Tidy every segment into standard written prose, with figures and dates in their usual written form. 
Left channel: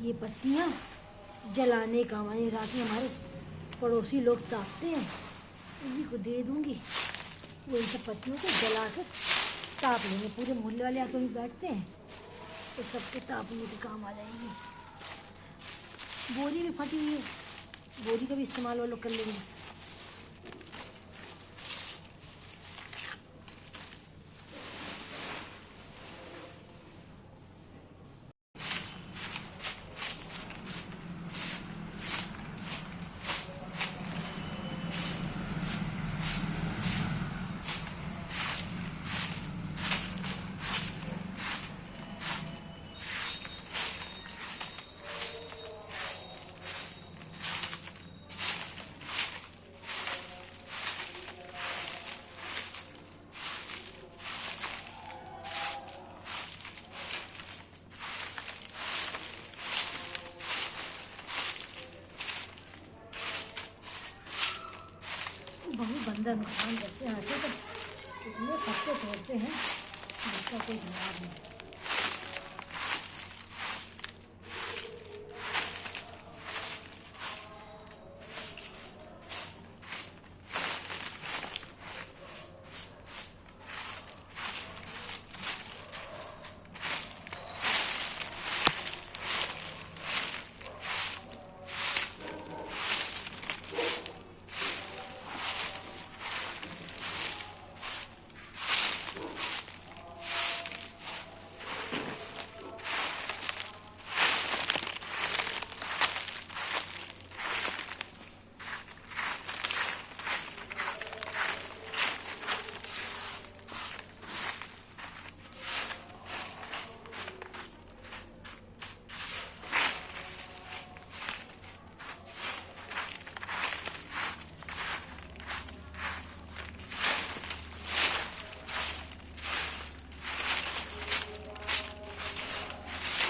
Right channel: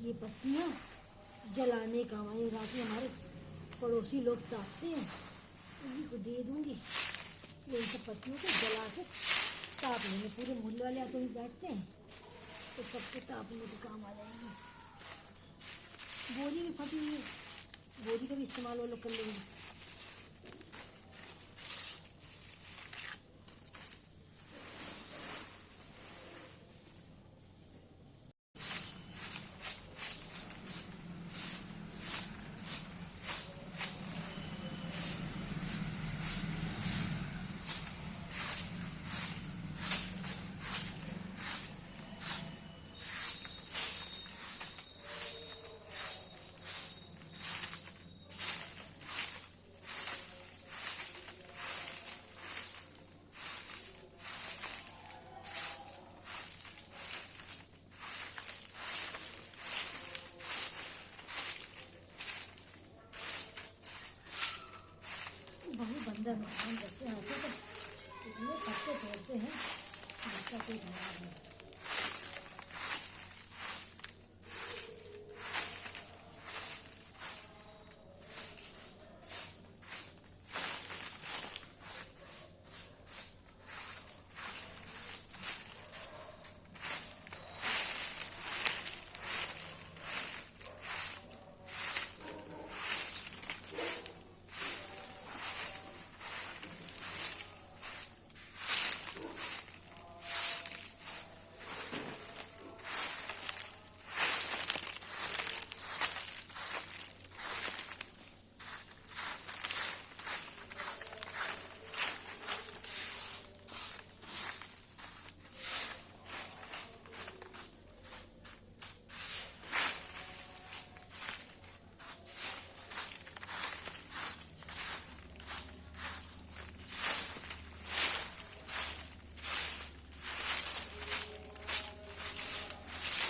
ये पत्तियाँ जलाने का हमारे रात में हमारे पड़ोसी लोग तापते हैं, उन्हीं को दे दूँगी। वो इन सब पत्तियों को जला कर ताप लेंगे। पूरे मोहल्ले वाले आकर भी बैठते हैं तो सबके तापने के काम आ जाएंगी। बोरी भी फटी हुई है, बोरी का भी इस्तेमाल वो लोग कर लेंगे। बहुत बंदर नुकसान करते हैं, आते तो इतने पत्ते तोड़ते हैं जिसका कोई जवाब नहीं।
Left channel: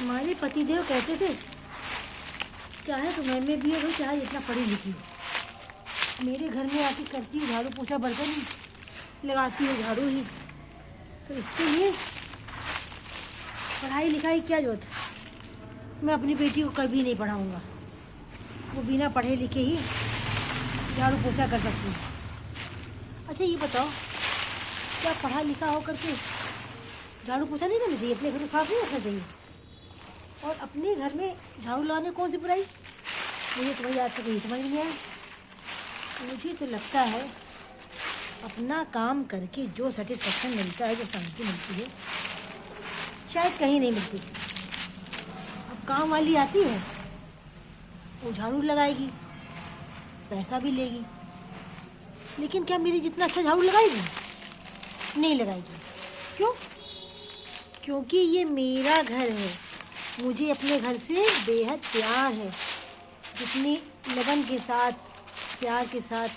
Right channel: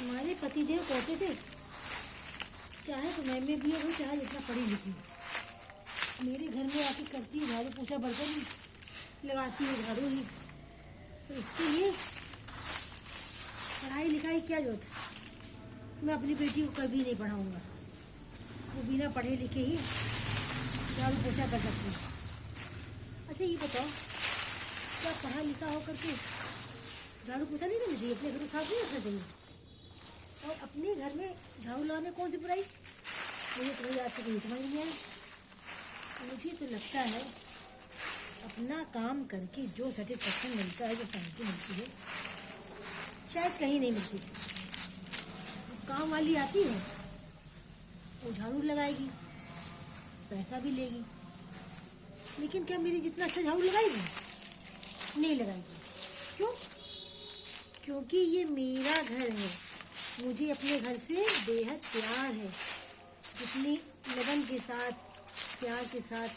हमारे पतिदेव कहते थे चाहे तो मैं भी हो, चाहे जितना पढ़ी लिखी हो, मेरे घर में आके करती हूँ झाड़ू पोछा, बर्तन लगाती हूँ झाड़ू ही, तो इसके लिए पढ़ाई लिखाई क्या जरूरत है। मैं अपनी बेटी को कभी नहीं पढ़ाऊँगा, वो बिना पढ़े लिखे ही झाड़ू पोछा कर सकती है। अच्छा ये बताओ, क्या पढ़ा लिखा हो करके झाड़ू पोछा नहीं करना चाहिए? अपने घर को साफ नहीं रखना चाहिए? और अपने घर में झाड़ू लगाने कौन सी बुराई? मुझे तुम्हारी आज तक यही समझ नहीं आया। मुझे तो लगता है अपना काम करके जो सेटिस्फेक्शन मिलता है, जो शांति मिलती है, शायद कहीं नहीं मिलती। अब काम वाली आती है, वो झाड़ू लगाएगी, पैसा भी लेगी, लेकिन क्या मेरी जितना अच्छा झाड़ू लगाएगी? नहीं लगाएगी। क्यों? क्योंकि ये मेरा घर है, मुझे अपने घर से बेहद प्यार है। जितनी लगन के साथ, प्यार के साथ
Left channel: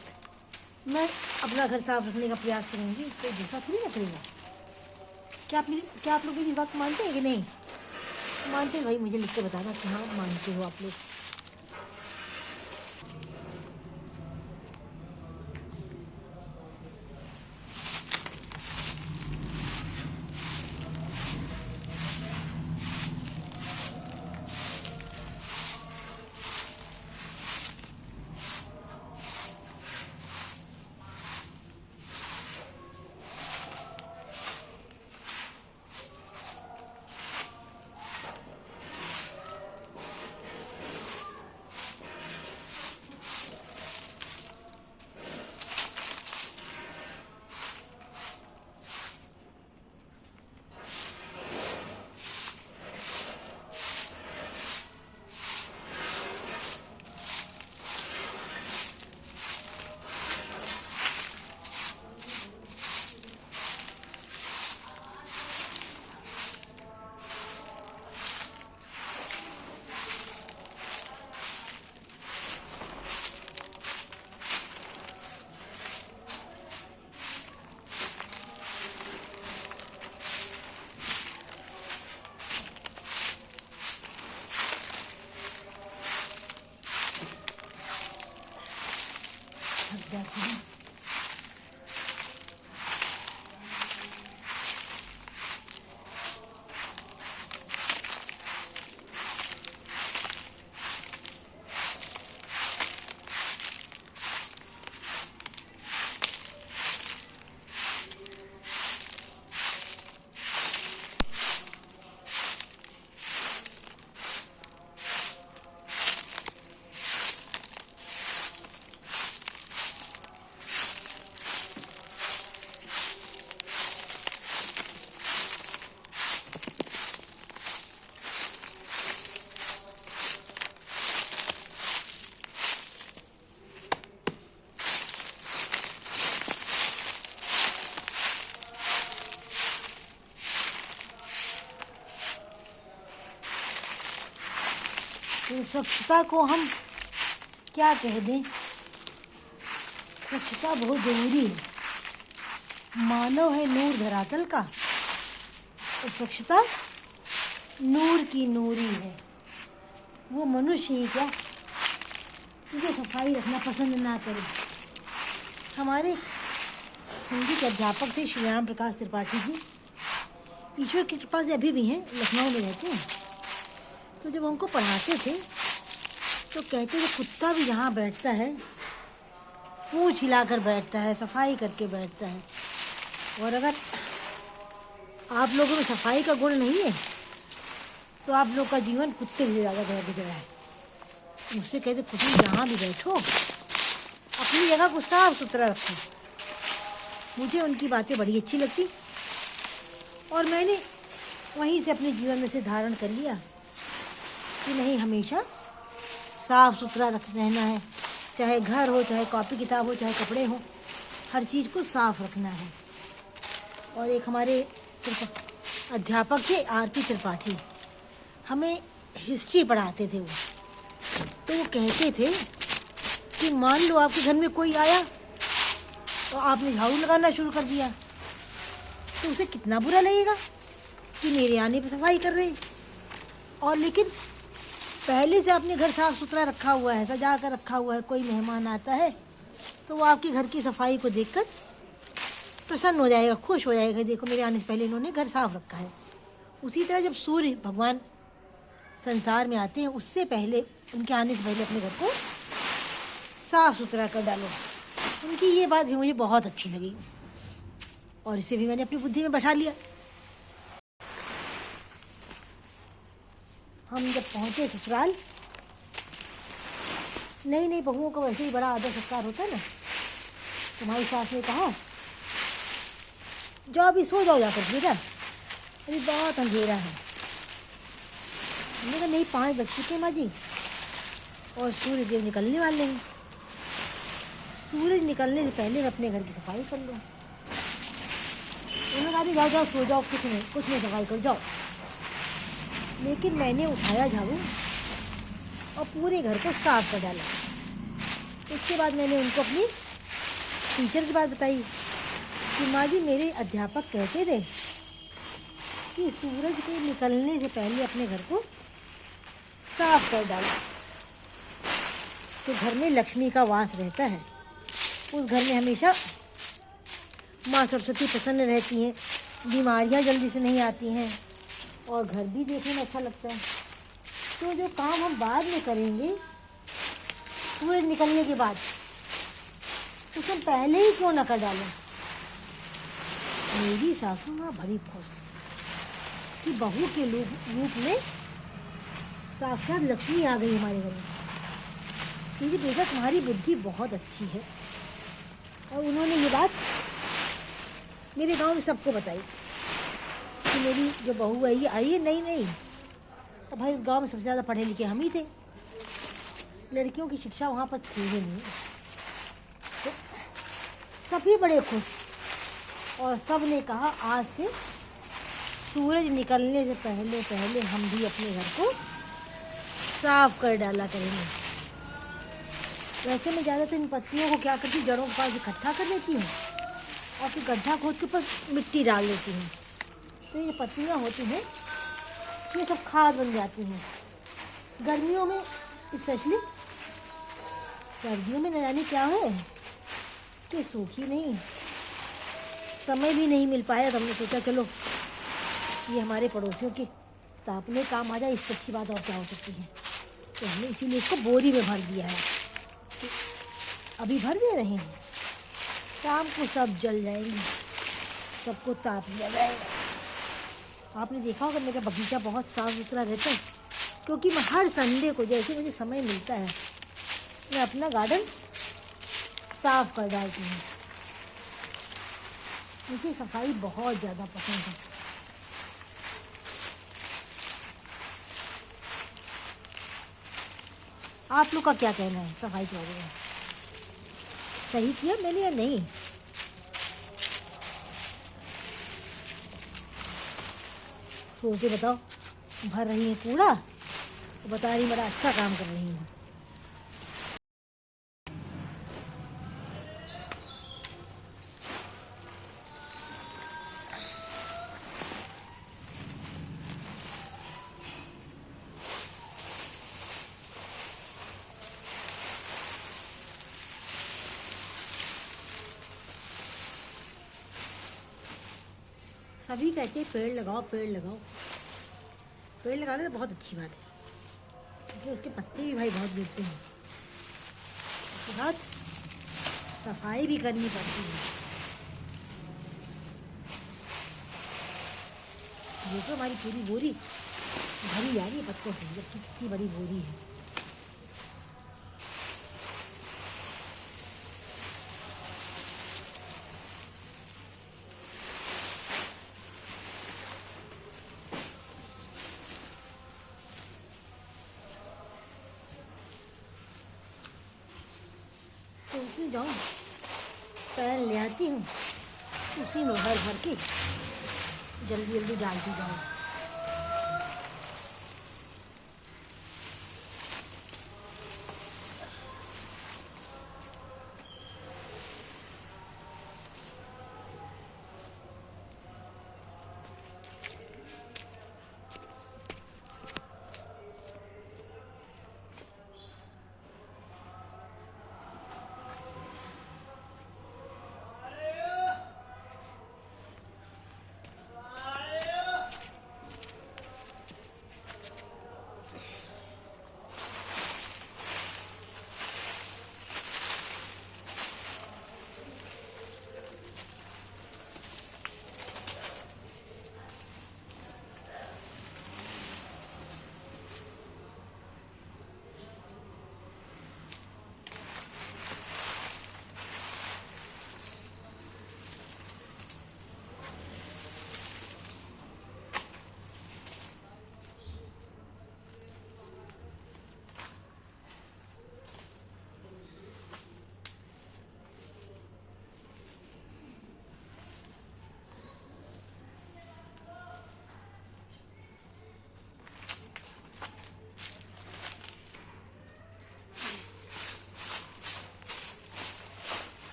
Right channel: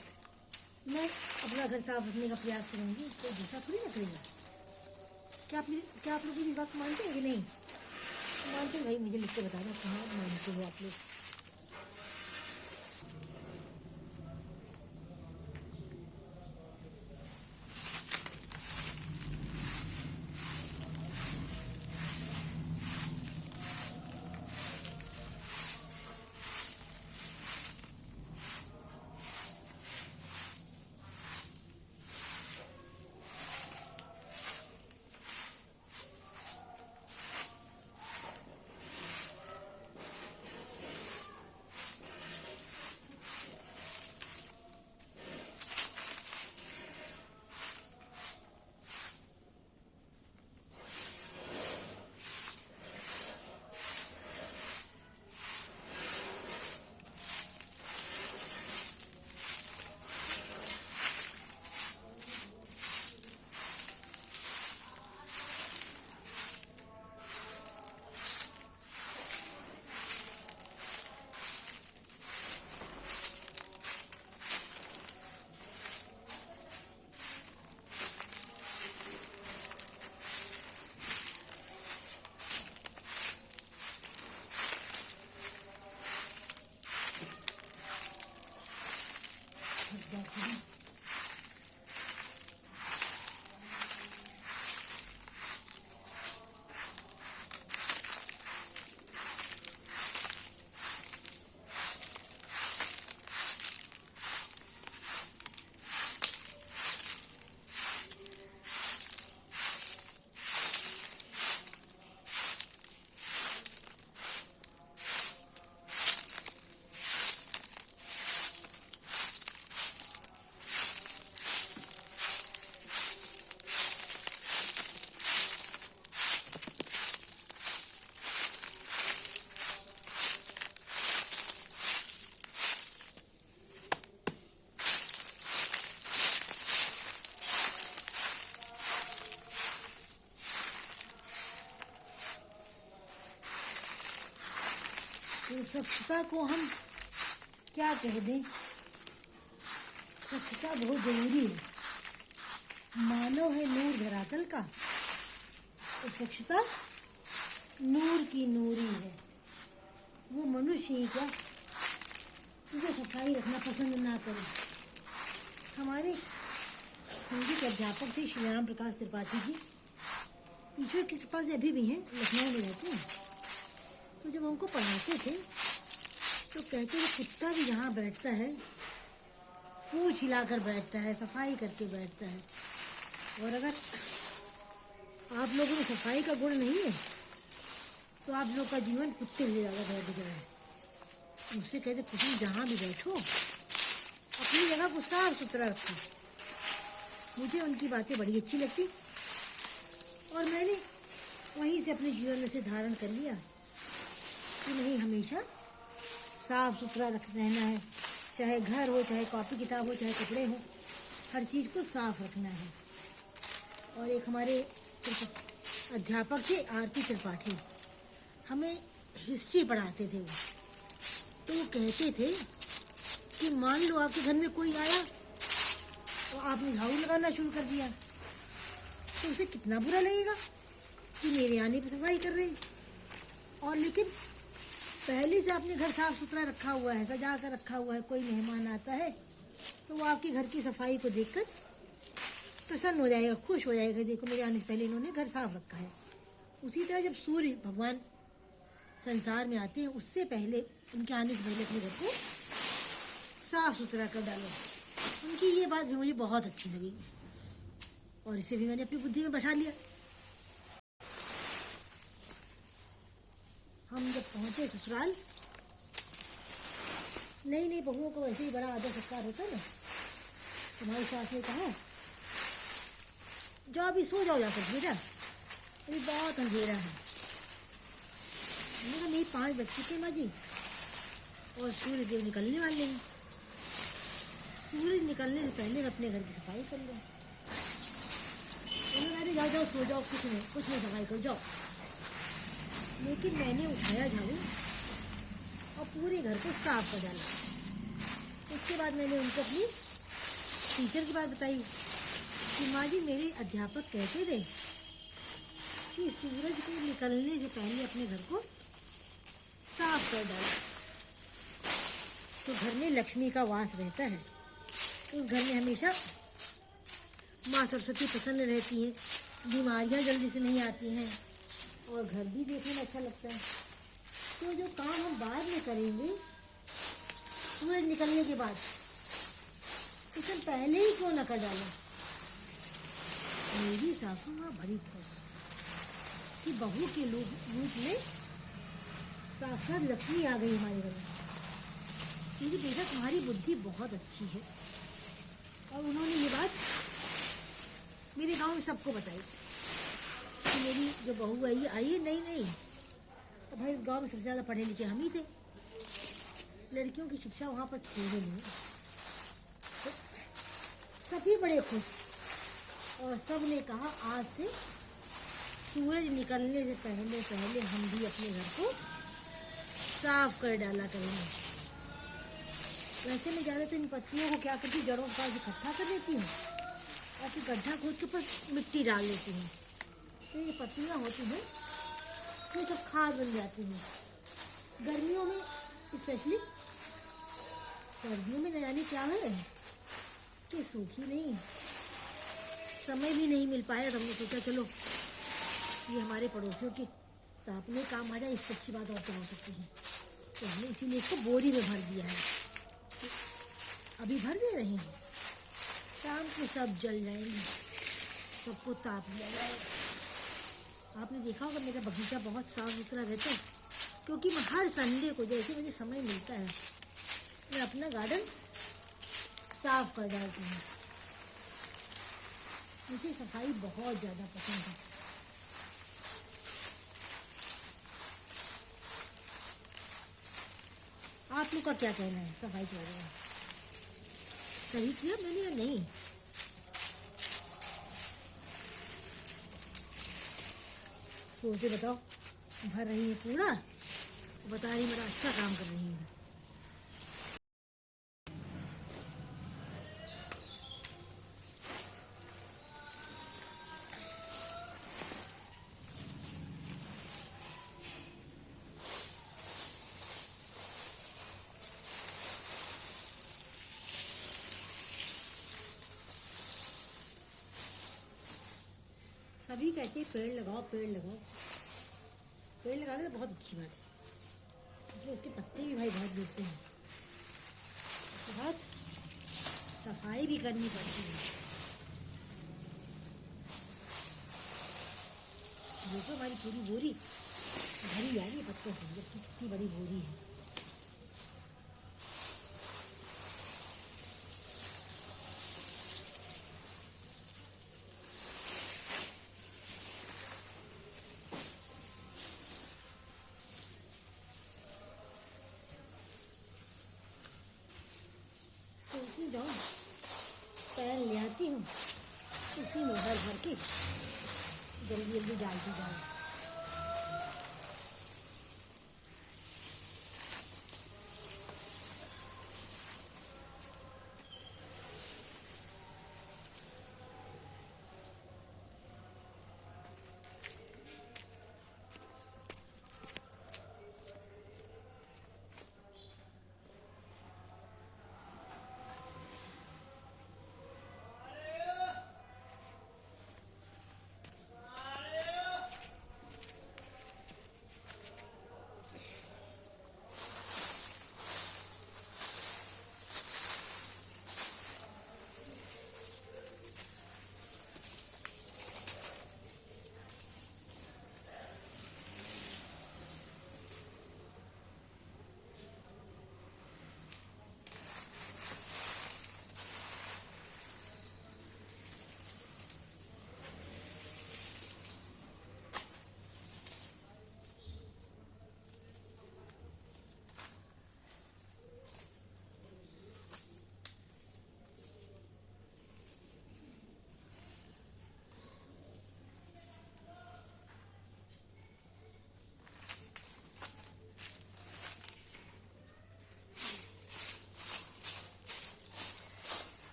मैं अपना घर साफ रखने का प्रयास करूँगी, तो दूसरा थोड़ी ना करेगा। क्या आप लोग मेरी बात मानते हैं कि नहीं मानते हैं? भाई मुझे लिख कर बताना कि हाँ मानते हो आप लोग। तो स्वच्छता को हम क्या कह दें, स्वच्छता बहुत जरूरी है। मानव है नूर धरातल का, तो स्वच्छता नूर की नूरी है। वो मनुष्य ही क्या जो सफाई रखना पसंद ना करे। हमारे हिंदी के अध्यापक थे श्री राम प्रकाश त्रिपाठी जी, ईश्वर की कृपा से अभी भी हैं, लखनऊ में रहते हैं। तो जब हमको पढ़ाते थे तो कहते थे कुत्ता भी जहाँ बैठता है पूंछ हिलाकर बैठता है, सफाई करके बैठता है। और अगर आप लोगों में सफाई का गुण नहीं है तो आप लोग का जीवन कुत्ते से ज़्यादा दिख रहा है। मुझसे कहते कुत्ते जहाँ भी बैठो अपनी जगह को साफ सुथरा रखो। मुझे उनकी बातें बड़ी अच्छी लगती और मैंने वहीं से अपने जीवन में से धारण कर लिया कि नहीं, हमेशा साफ सुथरा रहना है। चाहे घर हो, चाहे कॉपी किताब हो, चाहे कपड़े हो, हर चीज़ को साफ रखना है। और एक हमारे अध्यापक थे आरती त्रिपाठी, हमें हिस्ट्री पढ़ाते थे वो। तो वो कहते थे कि मान लो आपके घर में कोई आया और आपने झाड़ू लगाना शुरू कर दिया तो उसे कितना बुरा लगेगा कि मेरे आने पर सफाई कर रहे हैं। और लेकिन पहले से आपने घर साफ सुथरा रखा हुआ है, सजा कर रखा हुआ है, कोई मेहमान आता है तो वो आपके घर की सफाई को देखकर प्रसन्न हो जाएगा, खुश हो जाएगा, देखो मेरे आने से पहले इन्होंने घर साफ रखा है। उसी तरह जब सूर्य भगवान संसार में आते हैं उससे पहले, उनके आने से पहले अपने घर को साफ सुथरा कर डालो। उनकी ये बात भी मुझे बहुत अच्छी लगी और इसे भी मैंने अपनी बुद्धि में बैठा लिया। हम जब पहुंचे ससुराल, नई नई बहुओं का वैसे ही बड़ा आदर सत्कार होता है ना, तुम्हारी सास ने कहा जाओ अभी सो जाओ जाकर बेटा, अभी बहुत अंधेरा है। मैंने कहा नहीं, 5 बज चुके माँ जी और सूर्य देव निकलने वाले हैं। सूरज निकलने से पहले अपने घर की सफाई कर लो। उन्होंने कहा जाओ जाओ सो जाओ, कुछ नहीं सफाई करो जाओ। लेकिन मैंने उठाया झाड़ू और पूरे घर को साफ कर डाला। उसके बाद मैंने उनको अपनी टीचर की बात बताई कि माँ जी मेरे अध्यापक कहते थे कि सूरज के निकलने से पहले अपने घर को साफ कर डालो तो घर में लक्ष्मी का वास रहता है। उस घर में हमेशा माँ सरस्वती प्रसन्न रहती हैं, बीमारियाँ जल्दी से नहीं आती हैं और घर भी देखने में अच्छा लगता है। तो जो काम हम बाद में करेंगे सूरज निकलने के बाद, उसे पहले ही क्यों न कर डालें। मेरी सासू माँ बड़ी खुश कि बहू के रूप में साक्षात लक्ष्मी आ गई हमारे घर में। क्योंकि बेटा तुम्हारी बुद्धि बहुत अच्छी है। और उन्होंने ये बात मेरे गांव में सबको बताई कि मेरी जो बहू है ये आई है। नहीं, तो भाई उस गांव में सबसे ज़्यादा पढ़े लिखे हम ही थे, लड़कियों की शिक्षा वहाँ पर थी ही नहीं। तो सभी बड़े खुश और सब ने कहा आज से सूरज निकलने से पहले हम भी अपने घर को साफ कर डाला करेंगे। वैसे मैं ज़्यादातर इन पत्तियों को क्या करती हूँ, जड़ों के पास इकट्ठा कर लेती हूँ और फिर गड्ढा खोद के ऊपर मिट्टी डाल देती हूँ। तो ये पत्तियाँ होती हैं ये सब खाद बन जाती हैं। गर्मियों में स्पेशली, सर्दियों में न जाने क्या है कि सूखी नहीं, समय भी नहीं मिल पाया। तो हमने सोचा चलो ये हमारे पड़ोसियों के तापने काम आ जाए, इससे अच्छी बात और क्या हो सकती है। तो हमने इसीलिए इसको बोरी में भर दिया है। तो अभी भर दे रहे हैं, शाम को सब जल जाएंगे, सबको ताप लिया जाएगा। आपने देखा होगा मेरा बगीचा बहुत साफ सुथरा रहता है क्योंकि मैं हर संडे को जैसे मुझे समय मिलता है मैं अपना गार्डन साफ कर डालती हूँ। मुझे सफाई बहुत ज़्यादा पसंद है। आप लोग का क्या कहना है सफाई के बारे में? सही किया मैंने या नहीं? सोच के बताओ। भर रही है कूड़ा बता रही बड़ा अच्छा काम कर रही हूँ। सभी कहते हैं पेड़ लगाओ पेड़ लगाओ। पेड़ लगाने तो बहुत अच्छी बात है, क्योंकि उसके पत्ते भी भाई बहुत गिरते हैं। उसके बाद सफाई भी करनी पड़ती है। देखो हमारी पूरी बोरी भरी जा रही है पत्तों से, जबकि कितनी बड़ी बोरी है। तो उसी जाऊँ पैन ले आती हूँ, उसी में भर भर के जल्दी जल्दी डालती जाऊँ।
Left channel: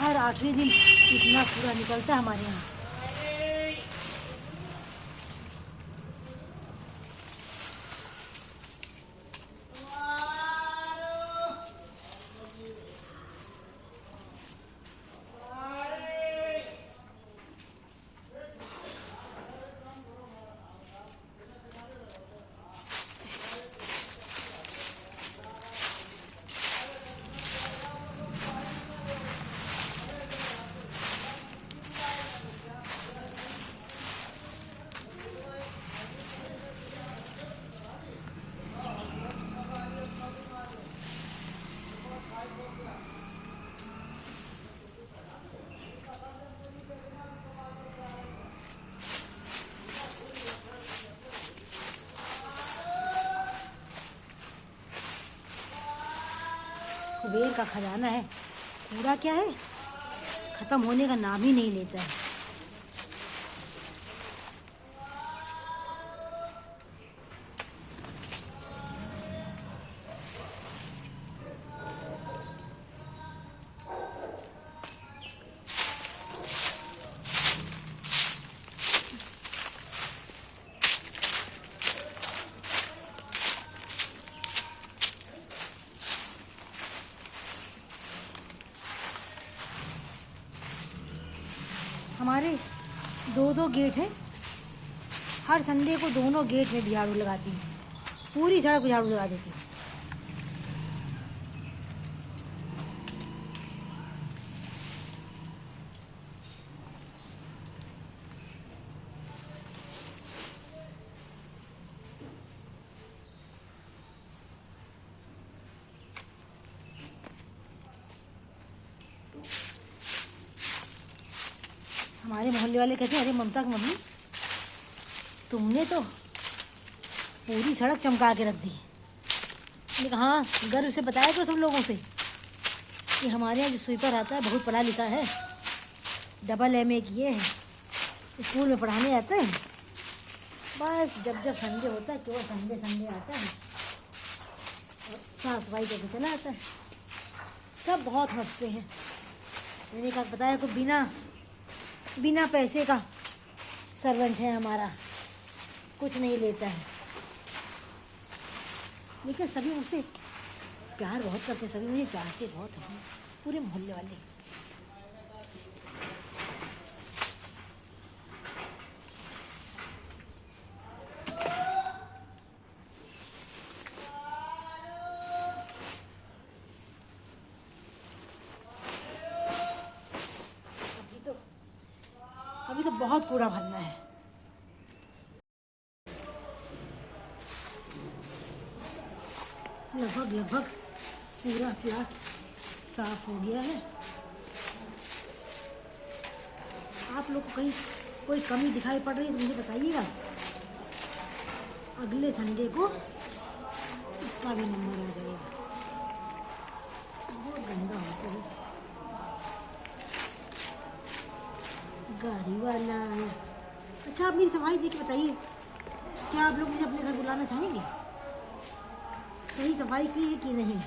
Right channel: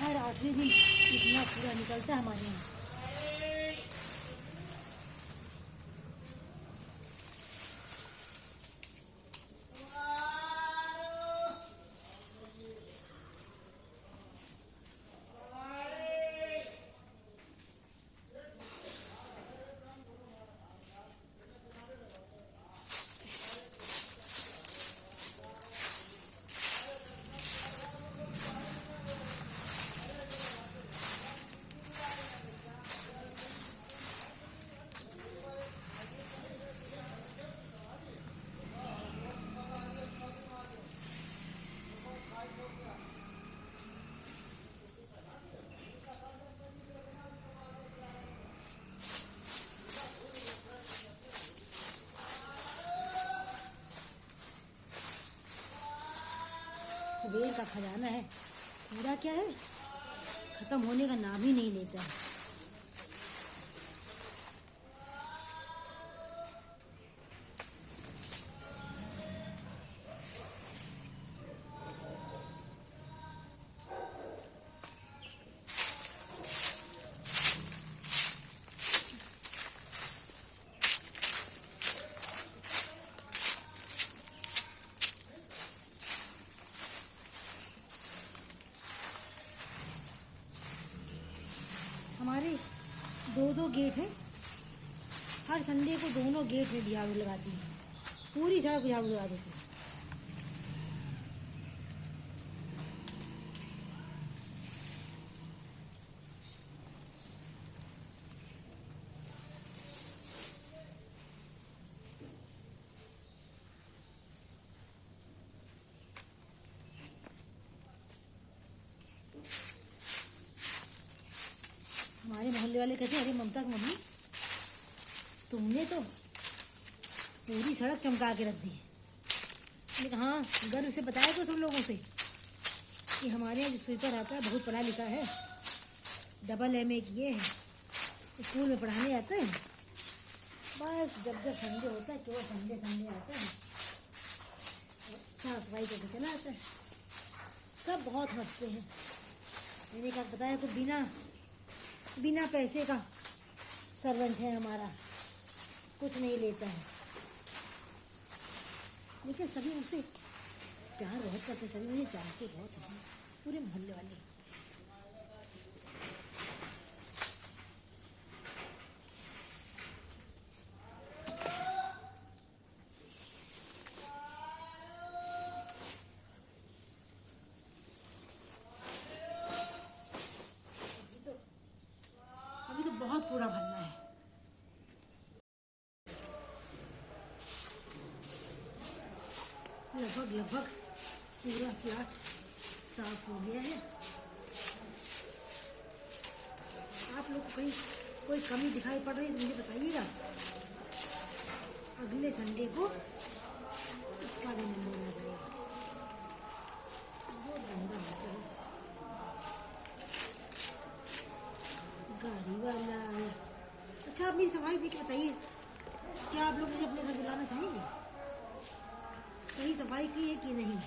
हर 8वें दिन इतना कूड़ा निकलता है हमारे यहाँ। कुबेर का खजाना है, कूड़ा क्या है, खत्म होने का नाम ही नहीं लेता है। दो गेट हैं। हर संडे को दोनों गेट में भी झाड़ू लगाती हूँ, पूरी सड़क को झाड़ू लगा देती हूँ। हमारे मोहल्ले वाले कहते हैं, अरे ममता की मम्मी, तुमने तो पूरी सड़क चमका के रख दी। मैंने कहा हाँ, गर्व से बताया तो सब लोगों से कि हमारे यहाँ जो स्वीपर आता है बहुत पढ़ा लिखा है, डबल MA किए है, स्कूल में पढ़ाने आता है। बस जब जब संडे होता है, केवल संडे आता है और साफ सफाई करके चला आता है। सब बहुत हंसते हैं। मैंने कहा बताया को बिना पैसे का सर्वेंट है हमारा, कुछ नहीं लेता है। लेकिन सभी मुझसे प्यार बहुत करते, सभी मुझे चाहते बहुत हैं, पूरे मोहल्ले वाले। अभी तो बहुत कूड़ा भरना है। लगभग पूरा प्लाट साफ हो गया है। आप लोग को कहीं कोई कमी दिखाई पड़ रही है तो मुझे बताइएगा। अगले संडे को इसका भी नंबर आ जाएगा। बहुत गंदा होता है। गाड़ी वाला आया। अच्छा, आप मेरी सफाई देख के बताइए, क्या आप लोग मुझे अपने घर बुलाना चाहेंगे? सही सफाई की है कि नहीं?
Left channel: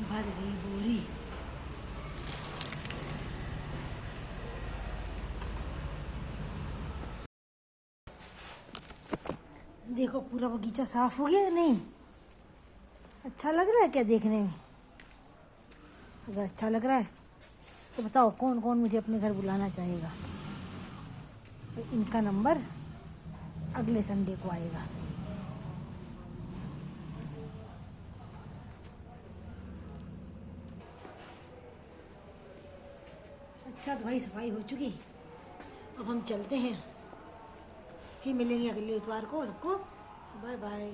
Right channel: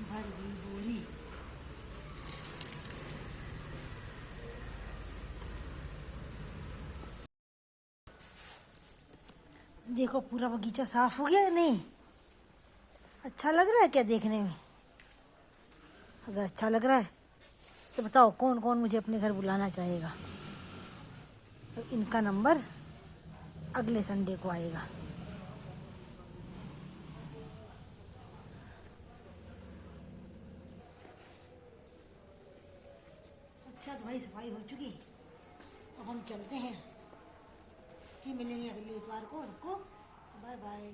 भर गई बोरी। देखो पूरा बगीचा साफ हो गया या नहीं? अच्छा लग रहा है क्या देखने में? अगर अच्छा लग रहा है तो बताओ कौन कौन मुझे अपने घर बुलाना चाहेगा। तो इनका नंबर अगले संडे को आएगा। अच्छा तो भाई सफाई हो चुकी, अब हम चलते हैं। फिर मिलेंगे अगले इतवार को। सबको बाय बाय।